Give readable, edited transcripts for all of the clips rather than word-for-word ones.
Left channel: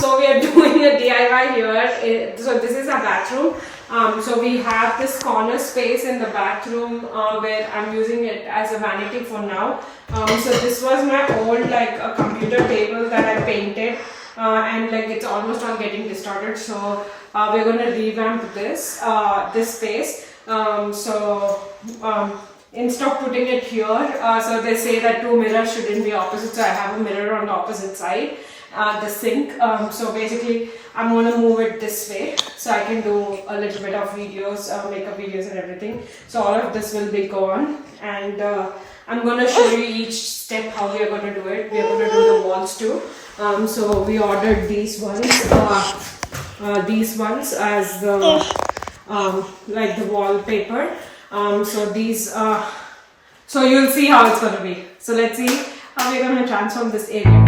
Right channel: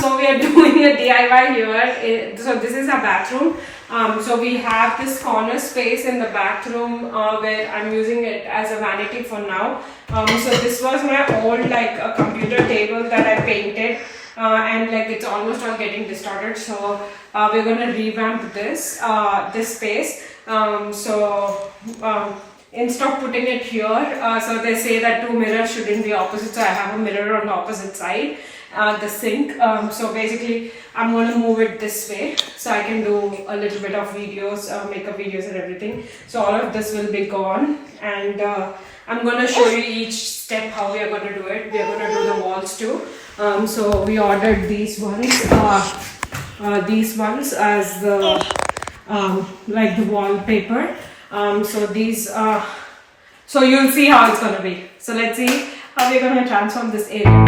So we are doing a DIY here. So this is a bathroom. So we have this corner space in the bathroom where I'm using it as a vanity for now. So this was my old a computer table that I painted, and it's almost all getting distorted. So we're gonna revamp this space. Instead of putting it here, so they say that two mirrors shouldn't be opposite, so I have a mirror on the opposite side, the sink. So basically I'm going to move it this way so I can do a little bit of videos, makeup videos and everything. So all of this will be gone, and I'm going to show you each step how we are going to do it. We are going to do the walls too. So we ordered these ones as the the wallpaper. So these so you'll see how it's gonna be. So let's see how we're gonna transform this area.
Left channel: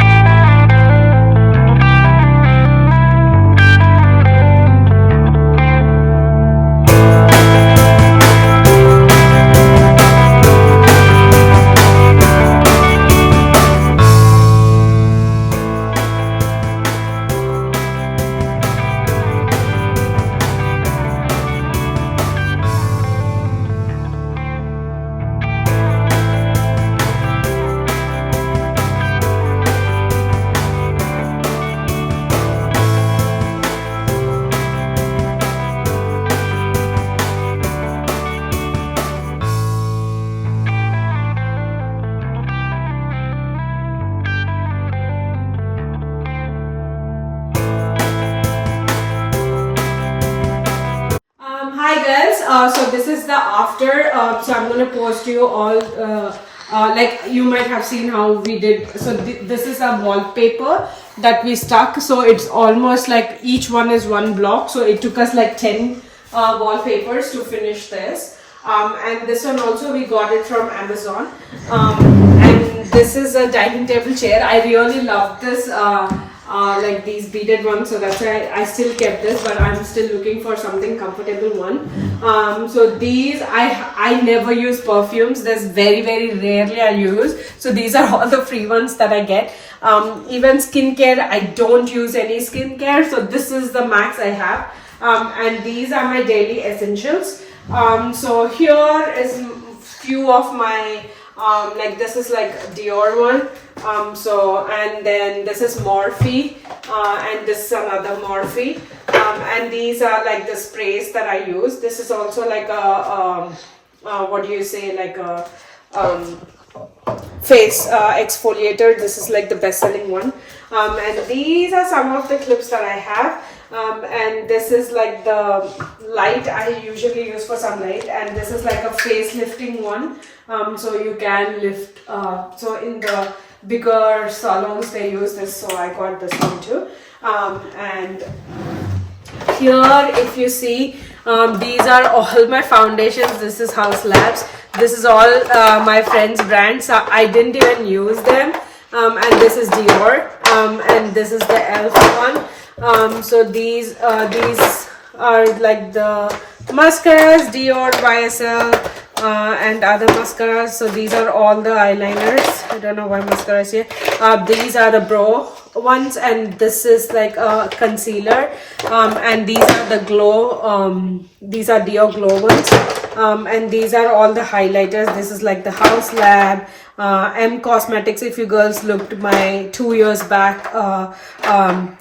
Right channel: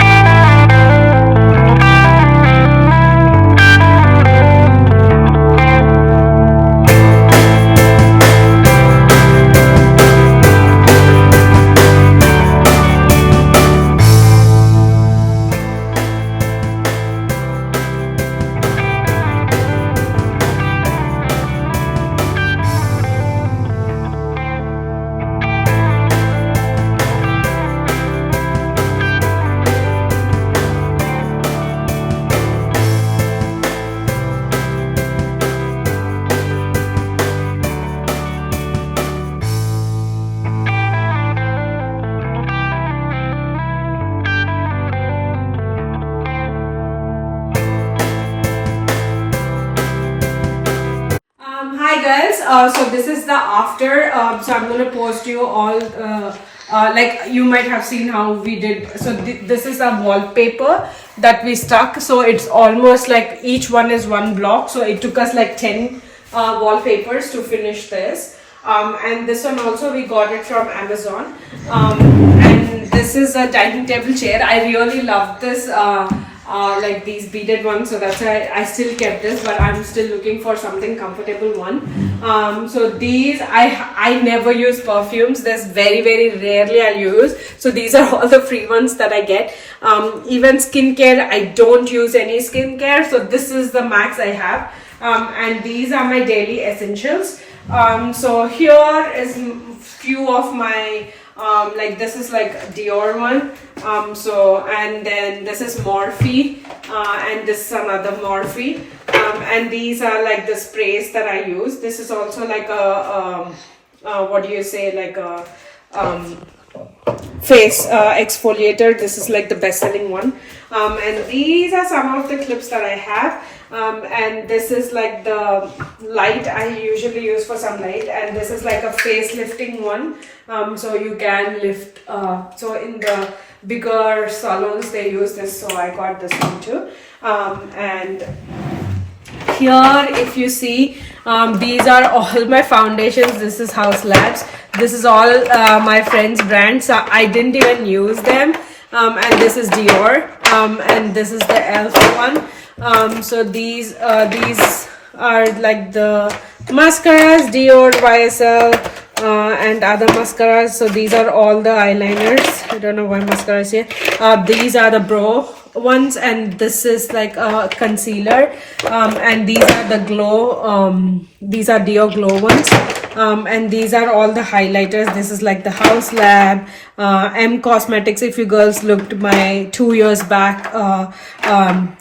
Hi guys, so this is the after. So I'm going to post you all you might have seen how we did. So this is a wallpaper that we stuck. So it's almost like each one is one block. So it took us 10 wallpapers to finish this. And this one also we got it from Amazon. And this is a dining table chair. I really love this. These beaded ones, so that's why I still kept this, but I'm still looking for something comfortable one. So these I never use perfumes. There's very rarely I use, so these are all the free ones that I get. Even skincare, I don't use any skincare, so this is the max I have. And these are my daily essentials. So here is few of my this is Dior one. And then this is Morphe, and this is another Morphe, and these are the sprays that I use. This is also what do you say, face exfoliator. This is the best-selling one. And these are some of the clips that I have. And this is the light I usually use for sunlight, and this is a face lifting one. So you can lift, so in the bigger salons they use this, so I got this one too. And here if you see, these are all my foundations. This is House Labs. This is all my friends' brands, so I didn't even use them. And this is Dior, and this is the e.l.f. one. So these are the mascaras, Dior, YSL, and other mascaras. So these are all the eyeliners. I don't know why mascaras here. These are the brow ones, and this is a concealer. And these are the glow. These are Dior glow ones. And these are all the highlighters. This is the House Lab, M Cosmetics. If you girls looked my 2 years back,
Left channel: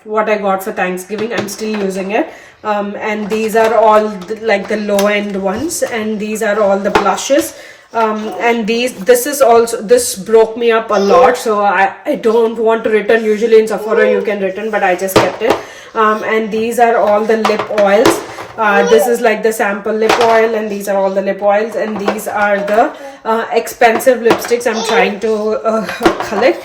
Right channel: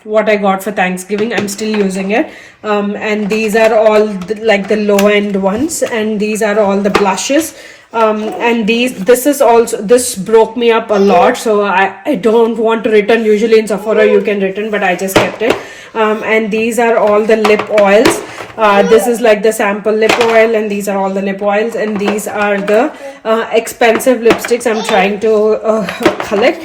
what I got for Thanksgiving, I'm still using it. And these are all the low end ones, and these are all the blushes. And this broke me up a lot, so I don't want to return. Usually in Sephora you can return, but I just kept it. And these are all the lip oils. This is the sample lip oil, and these are all the lip oils, and these are the expensive lipsticks I'm trying to collect.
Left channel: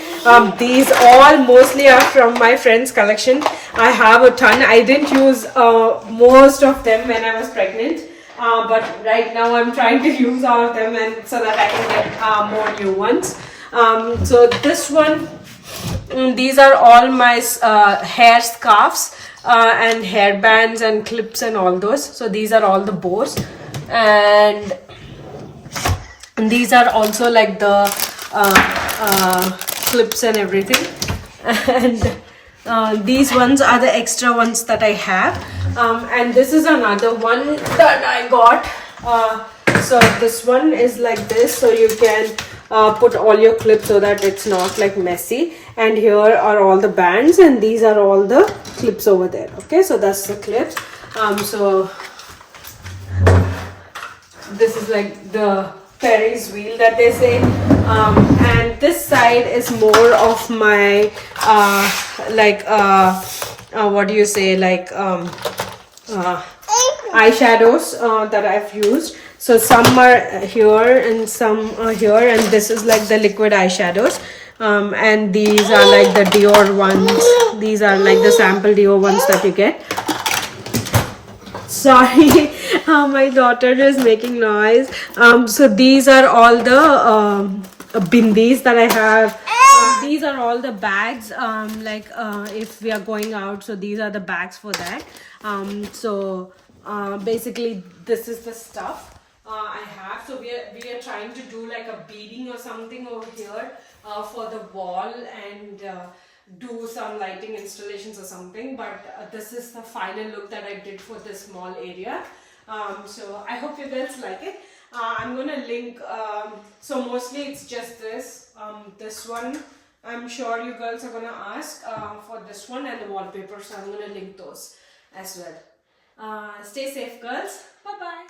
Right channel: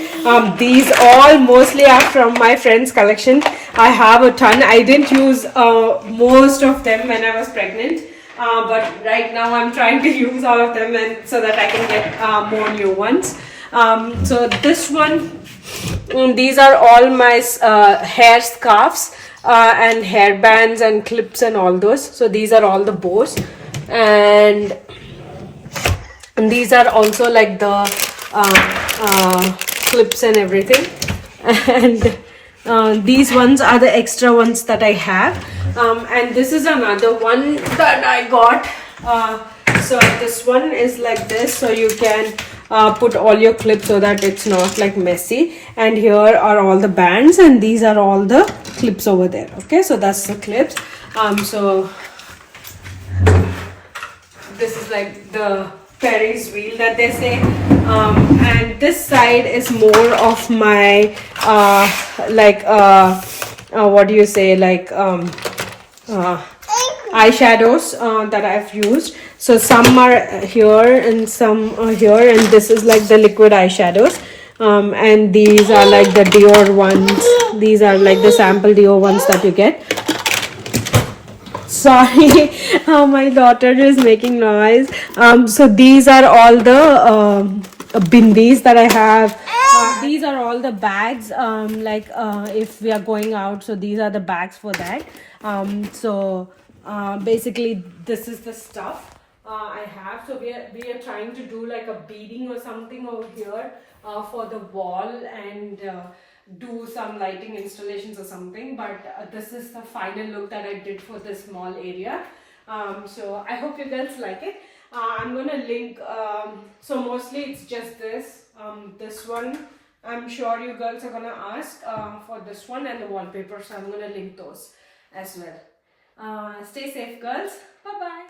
These all mostly are from my friend's collection. I have a ton. I didn't use most of them when I was pregnant, but right now I'm trying to use all of them, and so that I can get more new ones. So this one, these are all my hair scarves, and hair bands and clips and all those. So these are all the bows, and these are also the clips and everything. And These ones are the extra ones that I have, and this is another one that I got. So this one is like this, so you can put all your clips so that it's not like messy. And here are all the bands, and these are all the clips over there. Okay, so that's the clips. So this is like the Ferris wheel that they say, and this side is more of my what do you say, like eyeshadows that I've used. So some are here and some are here, and this is like the liquid eyeshadows, and these are like the Dior ones. These are like the sample Dior ones that you get. Sorry, my daughter is making noise. So these are all the bindis that I have. These are all the bags, if we are going out, so these are the bags for that. Basically this is the stuff I have. So we are trying to do like a beading or something over here for the wall, and do some lighting installations or something, but this is the final look that I did for this small area. So I hope you guys like it. I'm gonna link, so mostly it's just this one. I'm sure you girls are gonna ask for this one and the wallpaper, so I'm gonna link those as well. Stay safe, girls. Bye bye.